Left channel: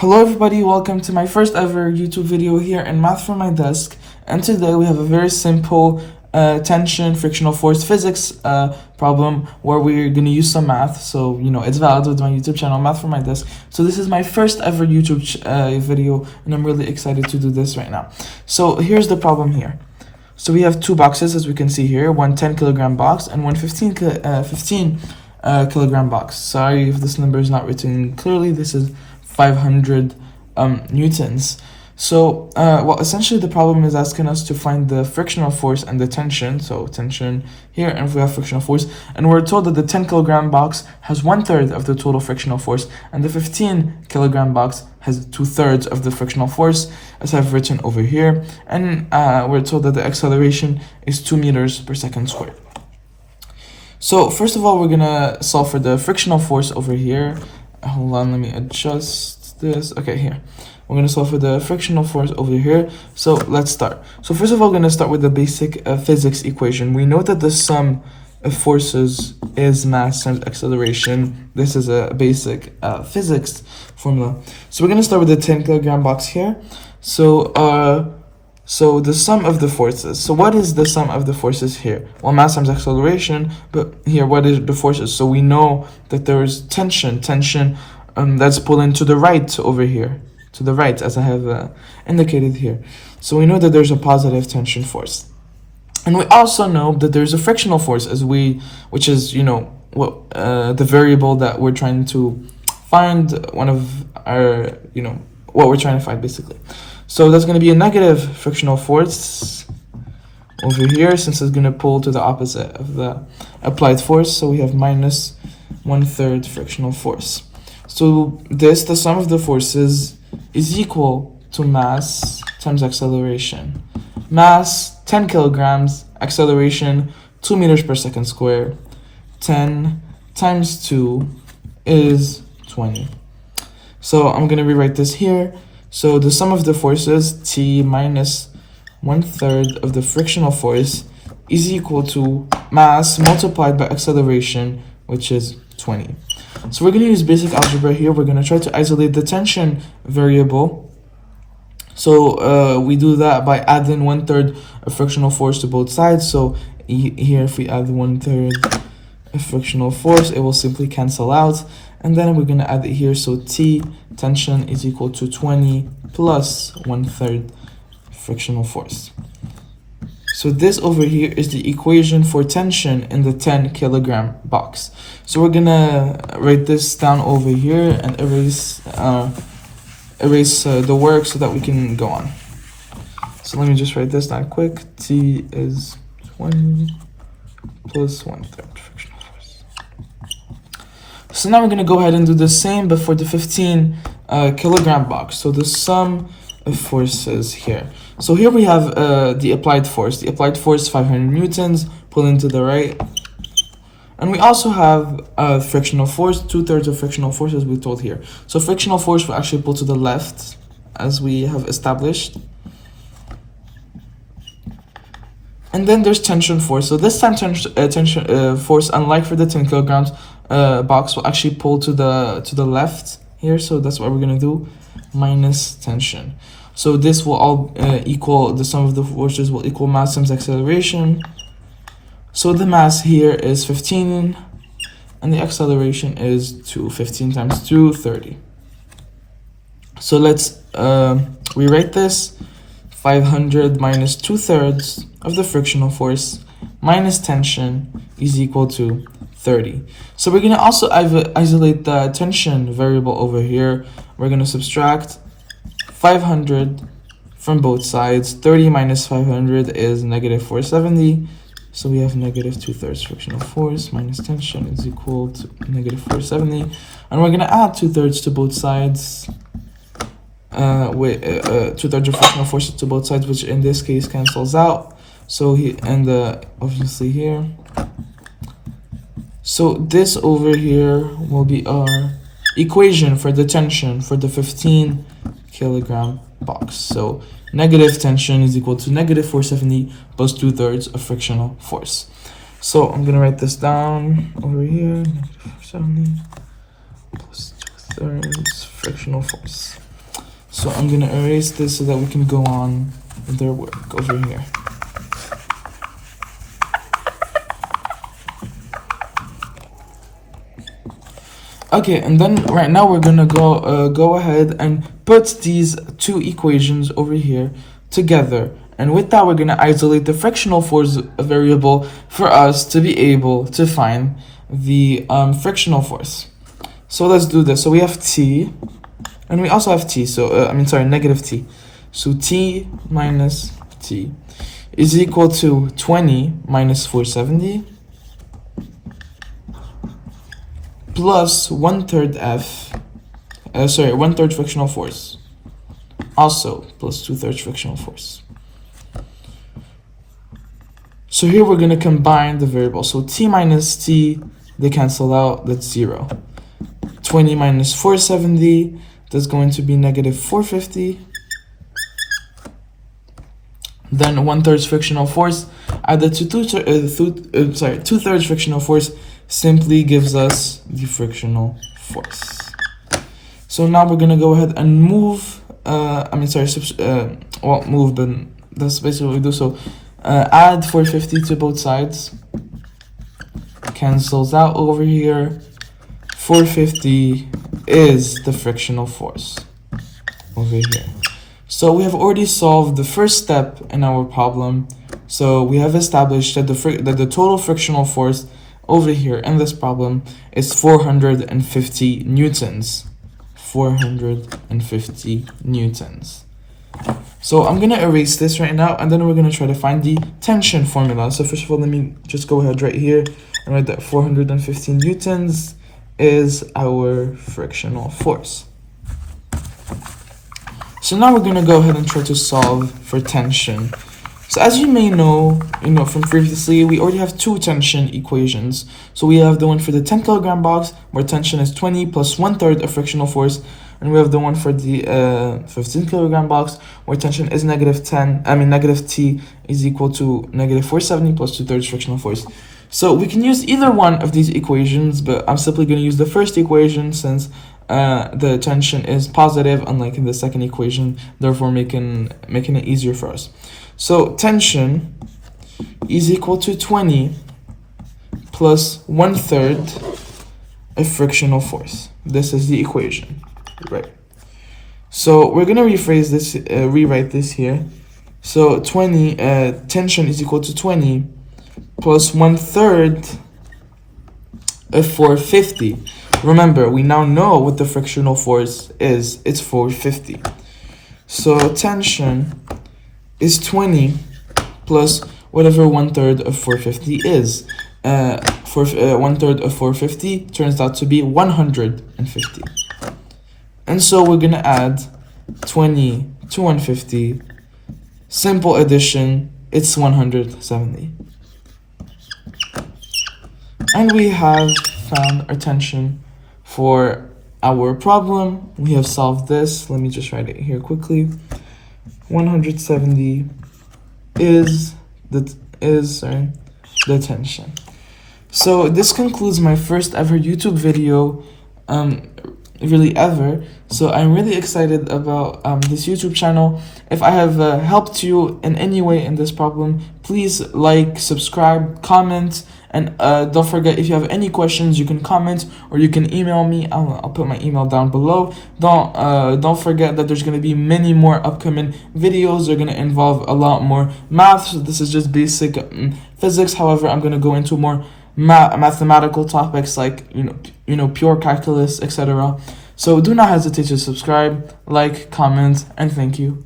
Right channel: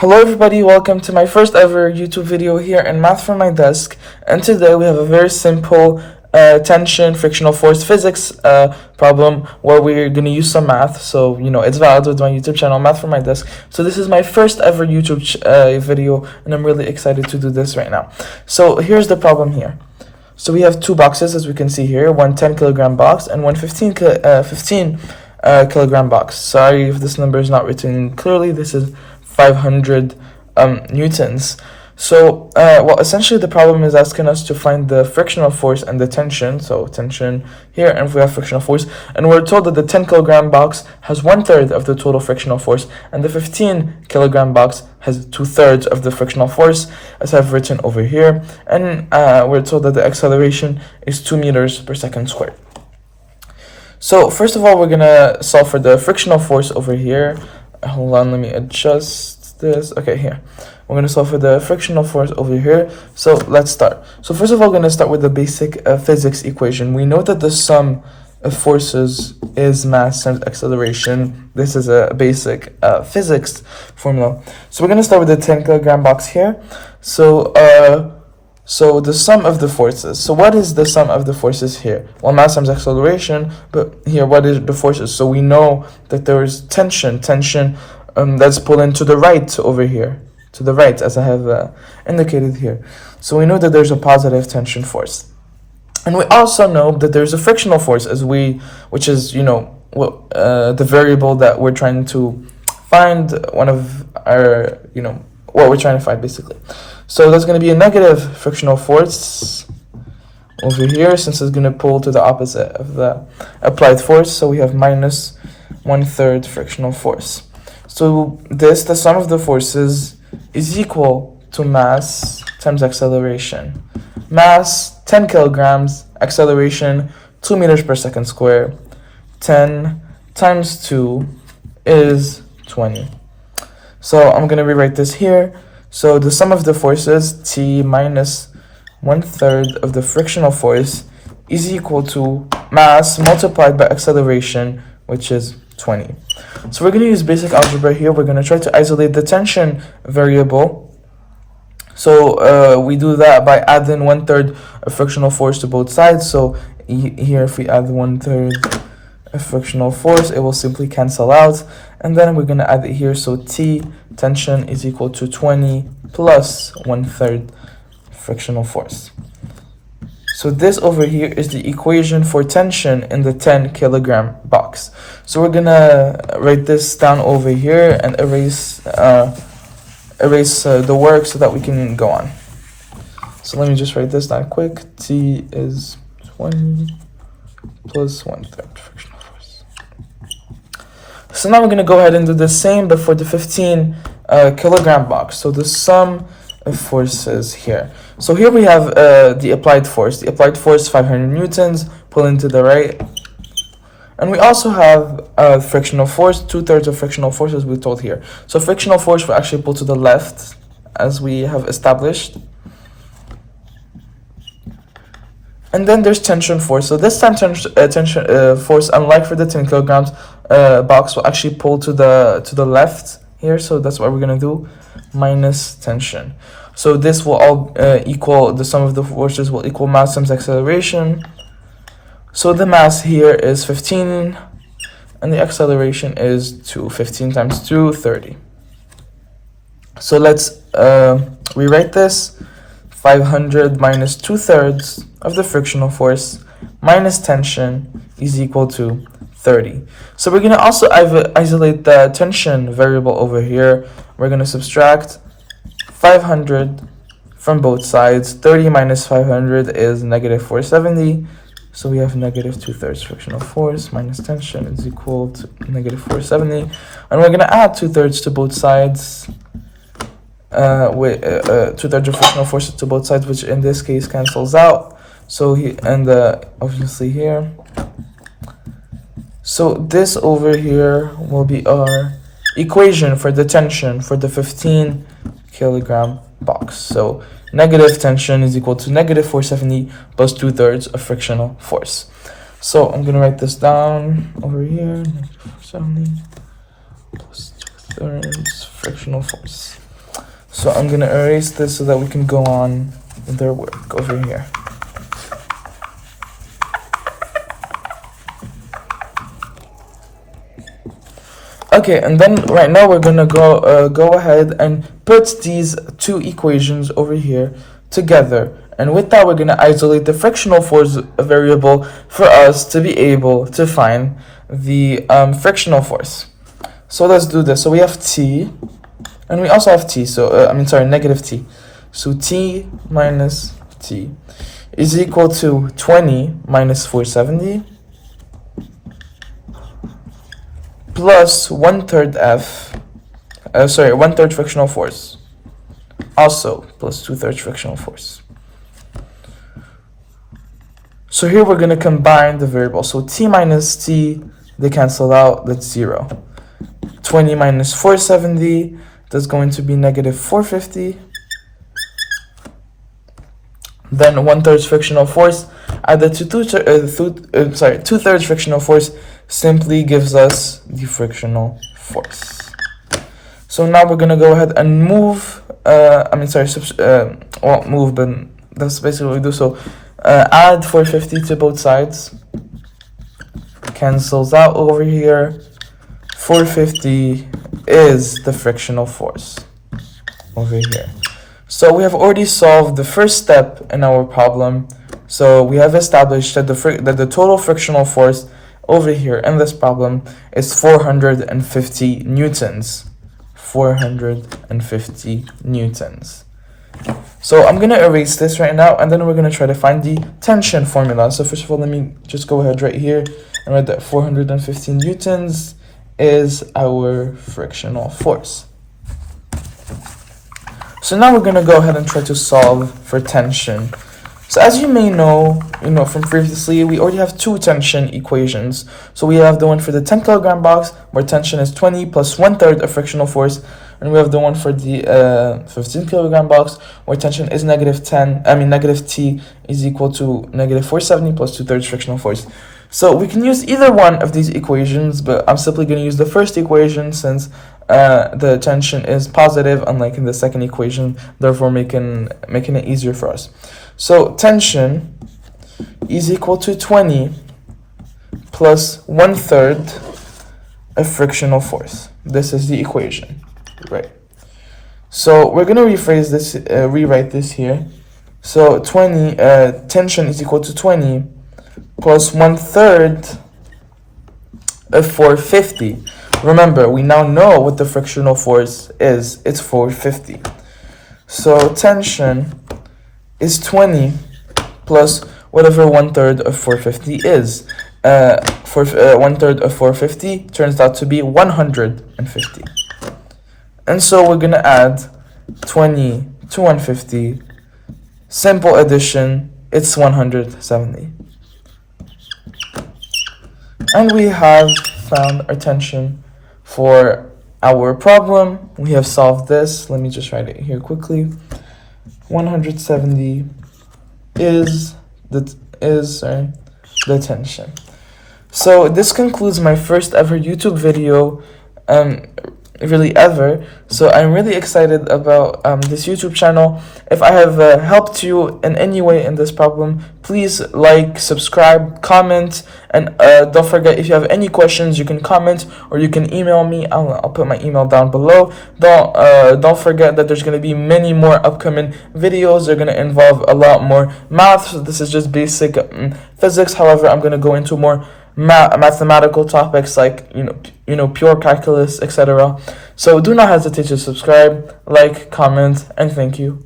Hello everybody, welcome to my first ever YouTube video here in Math from my desk, and today we have a very simple tension frictional force physics problem where we're going to use some math. So it's valid with my YouTube channel Math from my desk. So this is my first ever YouTube video, and I'm really excited to do this right now. So here's the problem here. So we have two boxes, as we can see here, one 10 kilogram box and one 15 kilogram box. Sorry if this number is not written clearly. This is 500 newtons. So well, essentially the problem is asking us to find the frictional force and the tension. So tension here, and if we have frictional force, and we're told that the 10 kilogram box has 1/3 of the total frictional force, and the 15 kilogram box has 2/3 of the frictional force, as I've written over here. And we're told that the acceleration is 2 meters per second squared. So first of all, we're gonna solve for the frictional force over here. Hold on, let me adjust this. Okay, here. We're going to solve for the frictional force over here. So let's start. So first of all, we're going to start with the basic physics equation. We know that the sum of forces is mass times acceleration. This is a basic physics formula. So we're going to start with the 10 kilogram box here. So the sum of the forces. So what is the sum of the forces here? Well, mass times acceleration, but here, what is the forces? So we know that there is tension that's pulling to the right over here, to the right, as I have indicated here. So we know that there's a positive tension force. And we also know that there's a frictional force, which is, the variable that we're trying to find, one of our, what we're trying to find, basically. So there's going to be a negative frictional force over here, since it's going to pull to the opposite of the applied force. So we have minus 1/3 frictional force. So the sum of the forces is equal to mass times acceleration. Mass, 10 kilograms, acceleration, 2 meters per second squared. 10 times 2 is 20. So I'm going to rewrite this here. So the sum of the forces, T minus 1/3 of the frictional force, is equal to mass multiplied by acceleration, which is 20. So we're going to use basic algebra here. We're going to try to isolate the tension variable. So we do that by adding 1/3 of frictional force to both sides. So here, if we add 1/3 of frictional force, it will simply cancel out. And then we're going to add it here. So T, tension, is equal to 20 plus 1/3 frictional force. So this over here is the equation for tension in the 10 kilogram box. So we're gonna write this down over here and erase the work so that we can go on. So let me just write this down quick. T is 20 plus 1/3 frictional force. So now we're gonna go ahead and do the same, but for the 15 kilogram box. So the sum of forces here. So here we have the applied force. The applied force, 500 newtons, pulling to the right. And we also have frictional force, 2/3 of frictional force, as we're told here. So frictional force will actually pull to the left, as we have established. And then there's tension force. So this time tension force, unlike for the 10 kilograms box, will actually pull to the left here. So that's what we're gonna do, minus tension. So this will all equal, the sum of the forces will equal mass times acceleration. So the mass here is 15, and the acceleration is 2. 15 times 2, 30. So let's rewrite this. 500 minus 2/3 of the frictional force minus tension is equal to 30. So we're going to also isolate the tension variable over here. We're going to subtract 500 from both sides. 30 minus 500 is negative 470. So we have negative 2/3 frictional force minus tension is equal to negative 470. And we're going to add 2/3 to both sides. With 2/3 of frictional force to both sides, which in this case cancels out. So obviously here. So this over here will be our equation for the tension for the 15 kilogram box. So negative tension is equal to negative 470 plus 2/3 of frictional force. So I'm gonna write this down over here. 470 plus 2/3 frictional force. So I'm gonna erase this so that we can go on with their work over here. Okay, and then right now we're gonna go ahead and put these two equations over here together, and with that we're gonna isolate the frictional force variable for us to be able to find the frictional force. So let's do this. So we have T, and we also have T. So negative T. So T minus T is equal to 20 minus 470 plus 1/3 1/3 frictional force, also plus 2/3 frictional force. So here we're going to combine the variables. So T minus T, they cancel out, that's 0. 20 minus 470, that's going to be negative 450. Then 1/3 frictional force added to 2/3 frictional force simply gives us the frictional force. So now we're gonna go ahead and move, move, but that's basically what we do. So add 450 to both sides, cancels out over here. 450 is the frictional force over here. So we have already solved the first step in our problem. So we have established that the total frictional force over here in this problem is 450 newtons. 450 newtons. So I'm gonna erase this right now, and then we're gonna try to find the tension formula. So first of all, let me just go ahead right here and write that 450 newtons is our frictional force. So now we're gonna go ahead and try to solve for tension. So as you may know, from previously, we already have two tension equations. So we have the one for the 10 kilogram box, where tension is 20 plus 1/3 of frictional force, and we have the one for the 15 kilogram box, where tension is negative T is equal to negative 470 plus 2/3 frictional force. So we can use either one of these equations, but I'm simply going to use the first equation since the tension is positive, unlike in the second equation, therefore making it easier for us. So tension is equal to 20 plus 1/3 of frictional force. This is the equation, right? So we're gonna rephrase this, rewrite this here. So tension is equal to 20 plus 1/3 of 450. Remember, we now know what the frictional force is. It's 450. So tension is 20 plus whatever 1/3 of 450 is. 1/3 of 450 turns out to be 150. And so we're gonna add 20 to 150. Simple addition, it's 170. And we have found our tension for our problem. We have solved this. Let me just write it here quickly. 170 is the tension. So this concludes my first ever YouTube video, really ever. So I'm really excited about this YouTube channel. If I have helped you in any way in this problem, please like, subscribe, comment, and don't forget, if you have any questions, you can comment or you can email me. I'll put my email down below. Don't forget that there's going to be many more upcoming videos. They're going to involve a lot more math. So this is just basic physics. However, I'm going to go into more mathematical topics like pure calculus, etc. So do not hesitate to subscribe, like, comment, and thank you.